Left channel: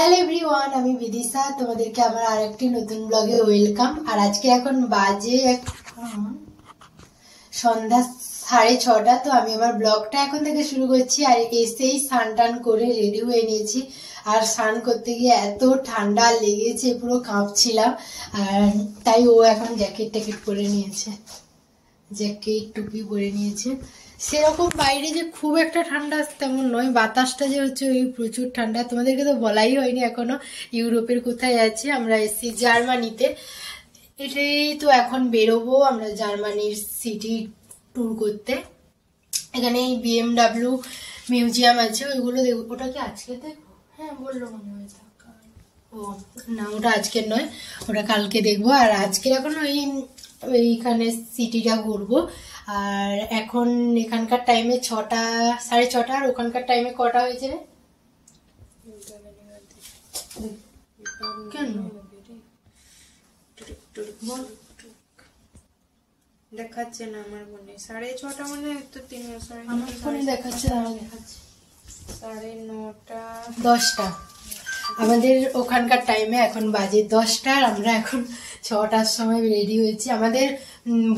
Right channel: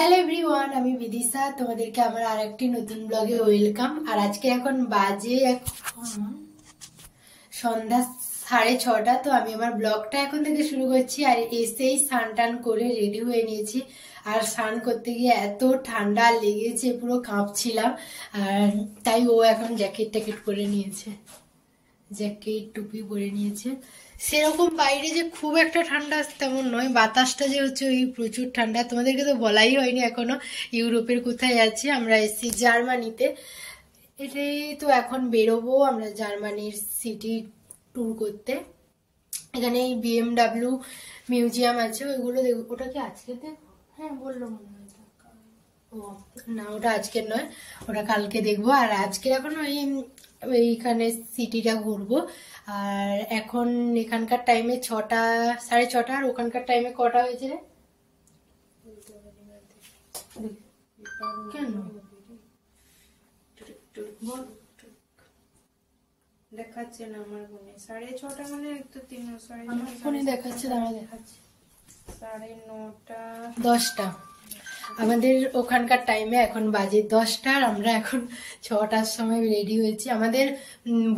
Hello everyone, আমি বিদিশা। তোমাদেরকে আমার আরেকটি নতুন ব্লগে ওয়েলকাম। আর আজকে এখন বাজে সন্ধ্যা 6:30। তো আমি আমার ব্লগটা এখন থেকে শুরু করছি। আর এসেই স্নান টান করে রেডি হয়ে নিয়েছি। আর স্নান করতে গিয়ে এত ঠান্ডা লেগেছে, পুরো কাঁপছিলাম। আর তাই ও এখন জ্যাকেট ট্যাকেট পরে নিয়েছে, জ্যাকেট টুপি পরে নিয়েছে। সেরকম বাইরে যে খুব একটা ঠান্ডা তেমন নয়, বাতাসটা যে হচ্ছে ওই প্রচুর ঠান্ডা। তোমাদেরকে তো বলাই হয়নি এখনো ইউরোপের কোথায় যাচ্ছি। আমরা এসেছি জার্মানিতে। এটাই তো এখন বেরোবো আমরা জার্মানির সিটি ট্যুর করতে। এখানে এই BMW মিউজিয়াম আছে, ওইগুলো দেখবো। ওটা কি আজকে দেখবো? হ্যাঁ বললো মনে হয়। ও না, ওটা আজকের নয়, ওটা কালকে দেখবো। আর আজকের এখন এইখানে সিটিটা ঘুরবো। আর এখন এখানকার টাইমে 6টা 6:30। আর ওখানকার টাইমে কটা হয়েছে রে? কেন দেখাচ্ছে না আমার মনে? 6:30 মানে তো 3 আমার ফোনে দেখাচ্ছে, দাঁড়া দেখাচ্ছে 9:30 10টা। আমাদের ওখানকার টাইমে এখন বাজে 10টা। আর আমরা এখন 6টার সময় রেডি হয়েছি। আমাদের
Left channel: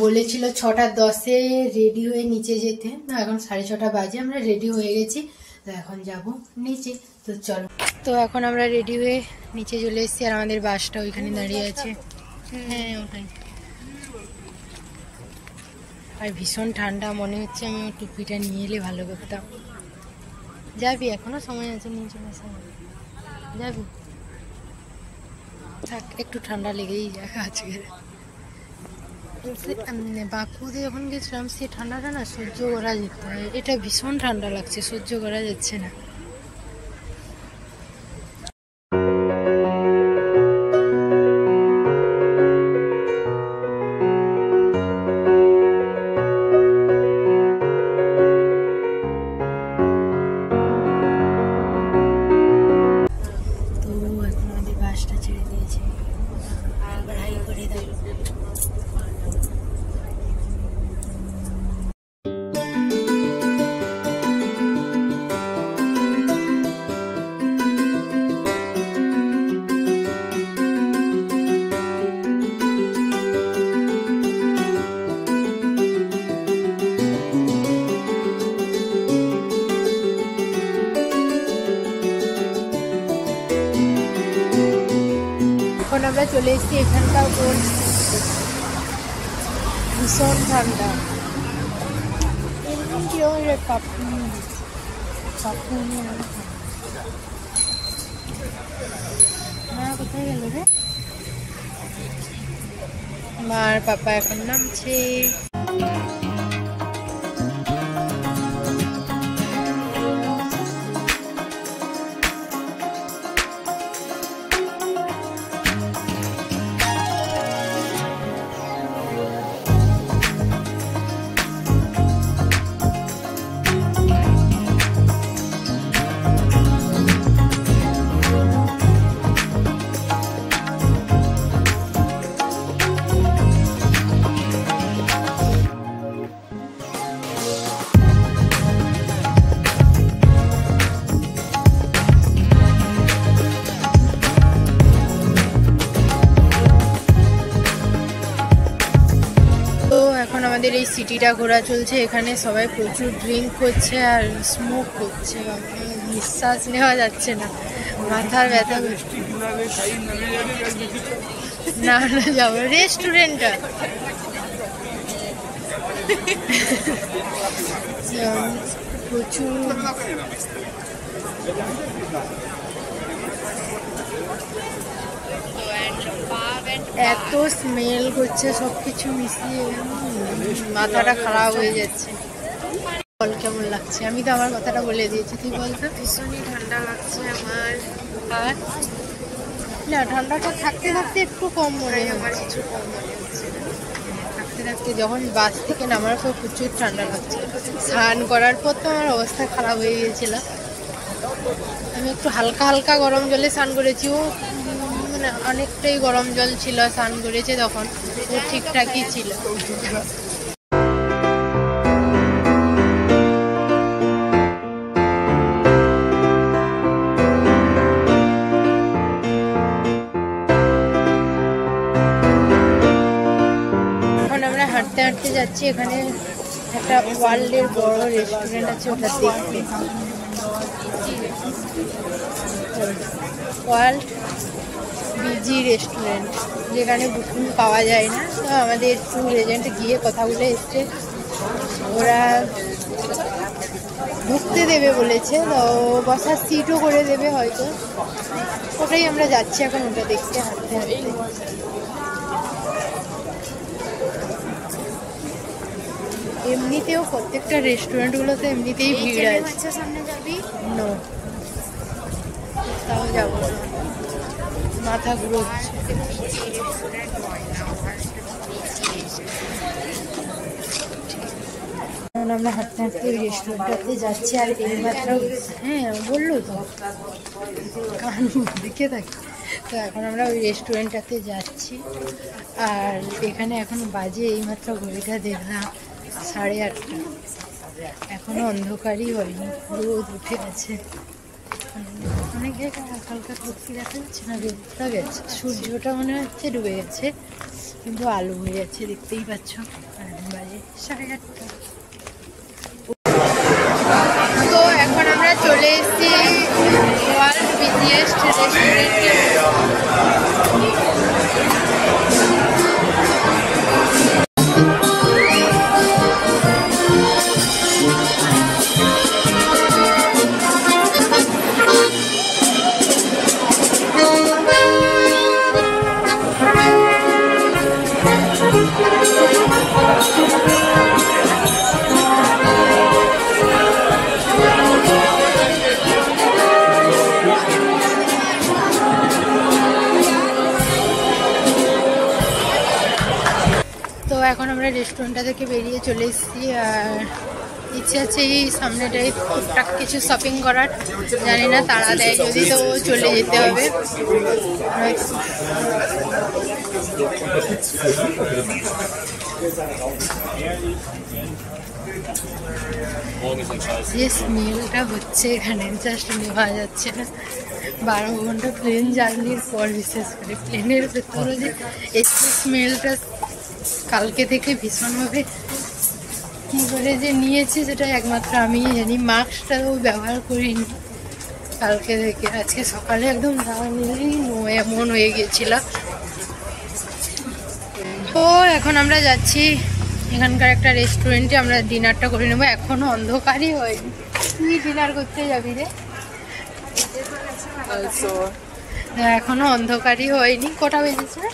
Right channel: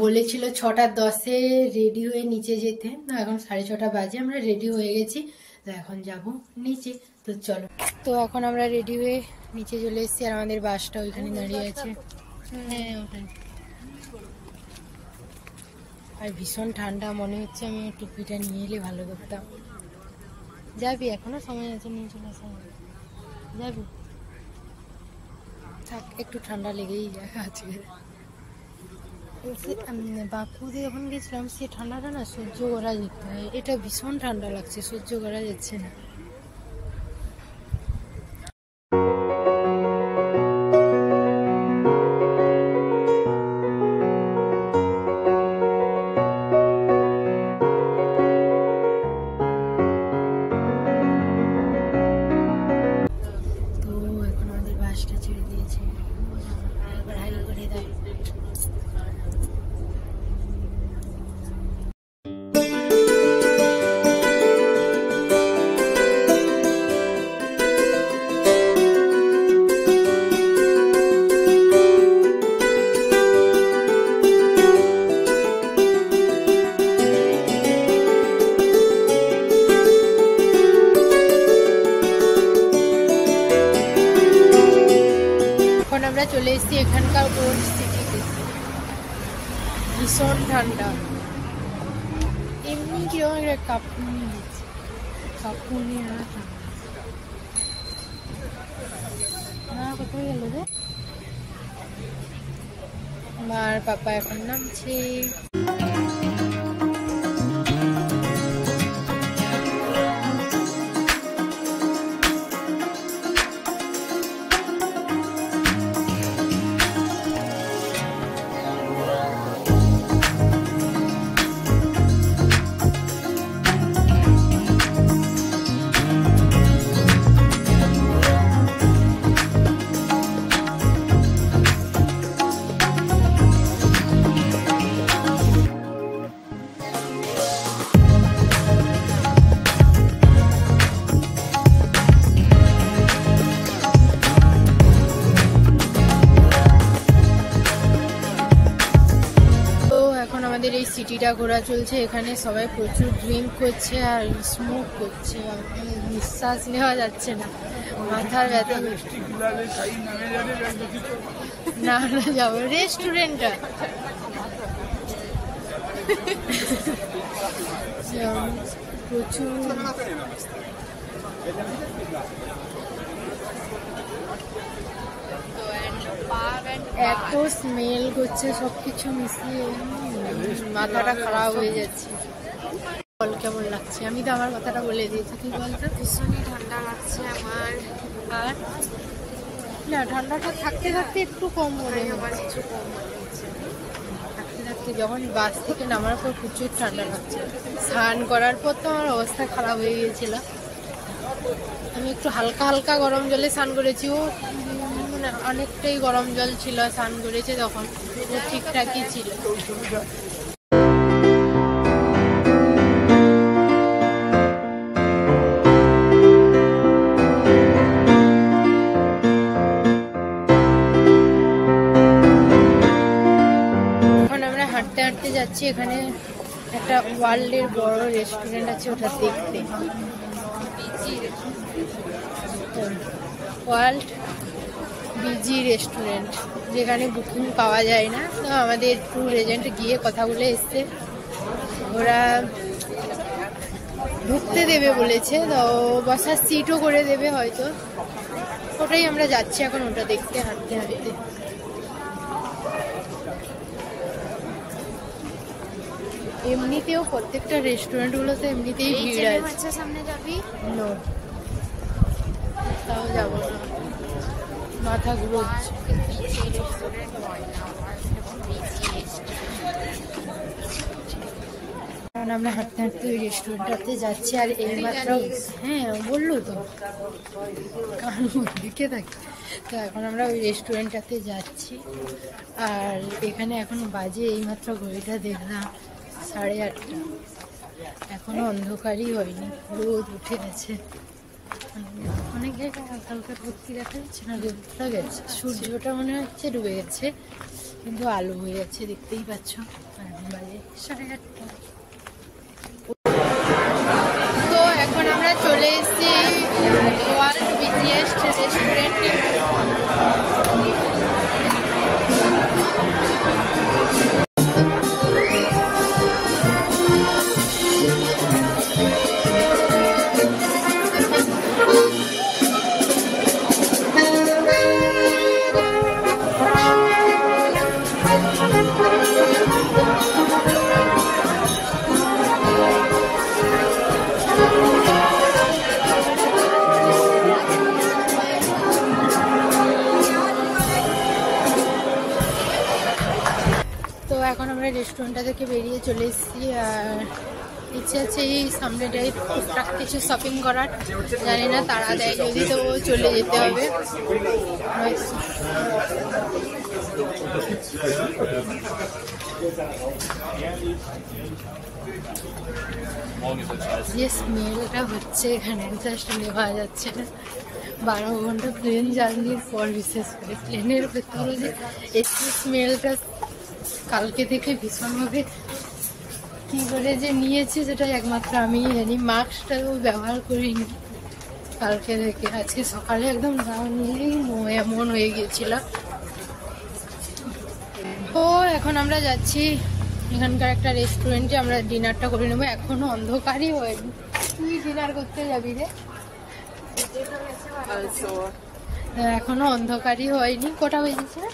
বলেছিল 6:10-এ রেডি হয়ে নিচে যেতে। না, এখন 6:30 বাজে, আমরা রেডি হয়ে গেছি। তো এখন যাব নিচে। তো চলো, তো এখন আমরা রেডি হয়ে নিচে চলে এসেছি। আর আমাদের বাসটা ওইখানে দাঁড়িয়ে আছে। হ্যাঁ ওটাই। আর ভীষণ ঠান্ডা, মনে হচ্ছে আমি টুপিটা নিয়ে এলে ভালো করতাম। যাবি? এখনো সময় আছে, নিয়ে চলে আসা যাবি? থাক, একটু ঠান্ডা লেগেই যায় আজকে। বাপুদি যখন গেছিলাম, সেই ঠান্ডাটা না সহ্য করা যেত না। এটা ভীষণ ঠান্ডা লাগছে, সহ্য করা যাচ্ছে না। আমরা চলে এসেছি এখানকার ভীষণ ঠান্ডা। কোথায় গেল রে? মার পাপা এখন নামছে। এই সিটিটা ঘোরা চলছে। এখানে সবাই প্রচুর ড্রিঙ্ক করছে আর স্মোক করছে। নিঃশ্বাস নেওয়া যাচ্ছে না, মাথার ব্যথা করছে। না না, যাবো রেস্টুরেন্টটা। প্রচুর এত স্মেল করছে, সবকিছু মিশিয়ে মাথাটা খারাপ হয়ে যাচ্ছে। বল কেমন লাগছে? আমি তো আমার কথাটা বলে দিয়েছি, তুই বলতো। ভীষণই ঠান্ডা লাগছে আমার। আর না, ঠান্ডাটা থাকতে থাকতে একটু কম মনে হয়। থাকতে থাকতে যখন বাস থেকে নামার পর প্রচুর ঠান্ডা লাগছে। স্নান করার পর তো আমার অবস্থা খারাপ হয়ে গিয়েছিল। আমি একটু হালকা হালকা গরম জলে স্নান করেছি। ও মানে অনেকটাই গরম জল ছিল, স্নান করেছে তখন ঠিকঠাকই ছিল। ওয়ার্ল্ডের বড় রেস্টুরেন্ট আছে, ওটা দেখবে। ওয়ার্ল্ড বিজি রেস্টুরেন্ট, যেখানে বুকিং পাওয়া যায় না। তো আমাদের ট্যুর এজেন্ট গিয়ে কথা বলে এসছে, ওরা ঢুকতে দেবে বলেছে, তো বসার সিটও করে দেবে হয়তো। ওটাই আমরা যাচ্ছি এখন, ওটা দেখতে হাঁটতে হাঁটতে। এমনিতেও প্রত্যেকটা রেস্টুরেন্টগুলোতে এমনিতেই ভিড় আছে। সামনে যাবি? নো, তাও যাবো না, মাথা ঘুরছে। আমরা হাঁটতে হাঁটতে ওই রেস্টুরেন্টটাতে যাচ্ছি। আর এইমাত্র, হ্যাঁ বললো তো, দেখে থাকি। তো এখন আমরা ওই রেস্টুরেন্টটাতে যাচ্ছি। আর এখানে এখন বাজে এইমাত্র ঘড়িটা দেখলাম 8:30। এখনো অন্ধকারই হয়নি, রোদ উঠে গেছে। অনেক জায়গায় হালকা হালকা কুর্তি দেখা যাচ্ছে না, রোদটা গেছে, সূর্যটা মনে হচ্ছে ডুবে গেছে, কিন্তু আলো হয়ে যাচ্ছে, দেখতেই পাচ্ছ। এখন বাজে 8:30। তো এখন আমরা চলে এসেছি ওয়ার্ল্ড বিজিয়েস্ট রেস্টুরেন্টে। এখন আমরা রেস্টুরেন্টটা থেকে বেরিয়ে চলে এসেছি। আর ইচ্ছে আছে এই সামনেটাই টুকটাক কিছু শপিং করার, জানি না তারা দেয় যদি, তো চলে যেতে হবে। যে স্মেলটা হচ্ছে এখানে, জাস্ট নেওয়া যাচ্ছে না। 12 ঘন্টা প্লেন জার্নির পর, বিশেষ করে প্লেনের ভেতরে যে এই স্মেলটা কালকে থেকে ভীষণভাবে কী করে যে নিয়েছে সেটা একমাত্র আমি জানি। মাস্কটাও ব্যবহার করিনি কালকে থেকে, আজকে সকালে একদম এমন হয়ে গিয়েছিল। তো এখন আমরা যাচ্ছি এখানকার একটা রেস্টুরেন্টে, আমরা ডিনারটা করে নেবো। এখনো অন্ধকারই হয়নি। তুই ডিনার করতে যাবি রে? এখনো অন্ধকারই হয়নি। কটা বেজেছে?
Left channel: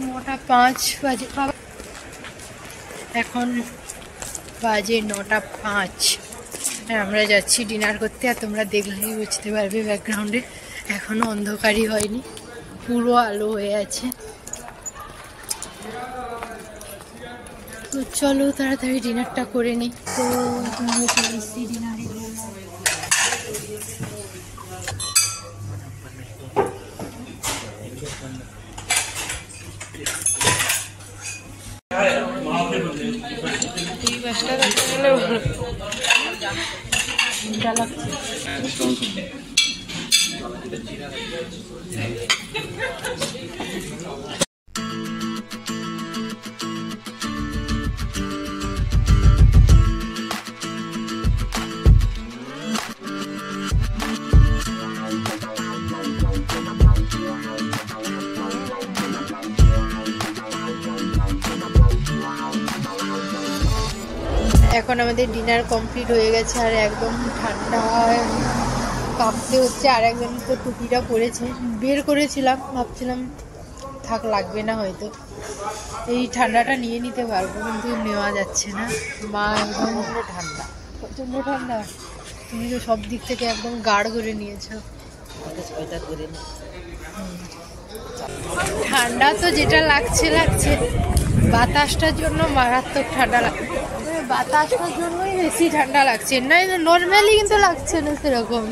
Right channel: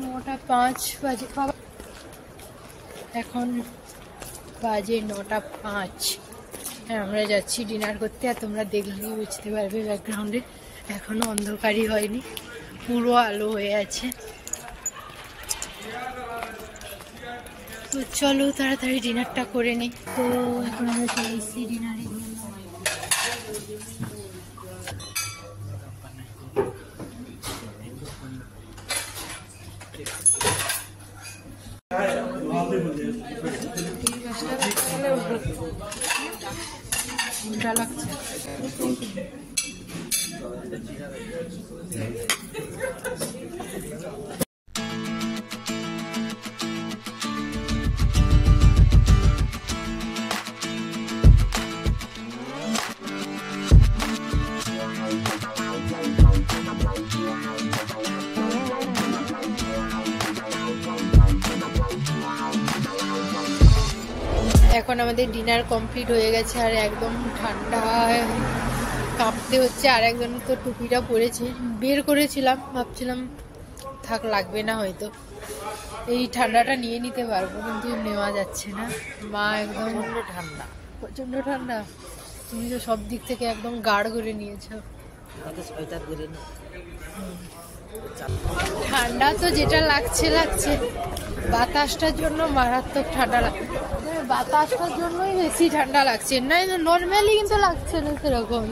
9:05 বাজে। এখন বাজে 9:05। আমরা যাচ্ছি ডিনার করতে। আর তোমরা দেখলেই বুঝতে পারবে ব্যাকগ্রাউন্ডে এখনো অন্ধকারই হয়নি, পুরো আলো হয়ে আছে। তো চলো তাড়াতাড়ি ডিনারটা করে নিই। ডিনারে লাগছে। এখন আমাদের ডিনার কমপ্লিট হয়ে গেছে। আর একদম ঠান্ডা, কাঁপতে হচ্ছে। আর একদম তো টুপিটা পরেছে, বের করেছিলাম, ভাবছিলাম থাক লাগবে না হয়তো, এই ঠান্ডাটা নিয়ে নিতে পারবো, কিন্তু নেওয়া যাচ্ছে না। মা একদম ঠান্ডা, প্রচণ্ড ঠান্ডা। তুমি তো সব দিক থেকে একদম গাঢ় করে নিয়েছ। ঠান্ডা তো যেটা লাগছে, বাতাসটার জন্য মারাত্মক ঠান্ডা লাগছে। বাতাসটার জন্যই বেশি ঠান্ডা লাগছে, না নর্মালি কিন্তু লাগছে না সেরকম।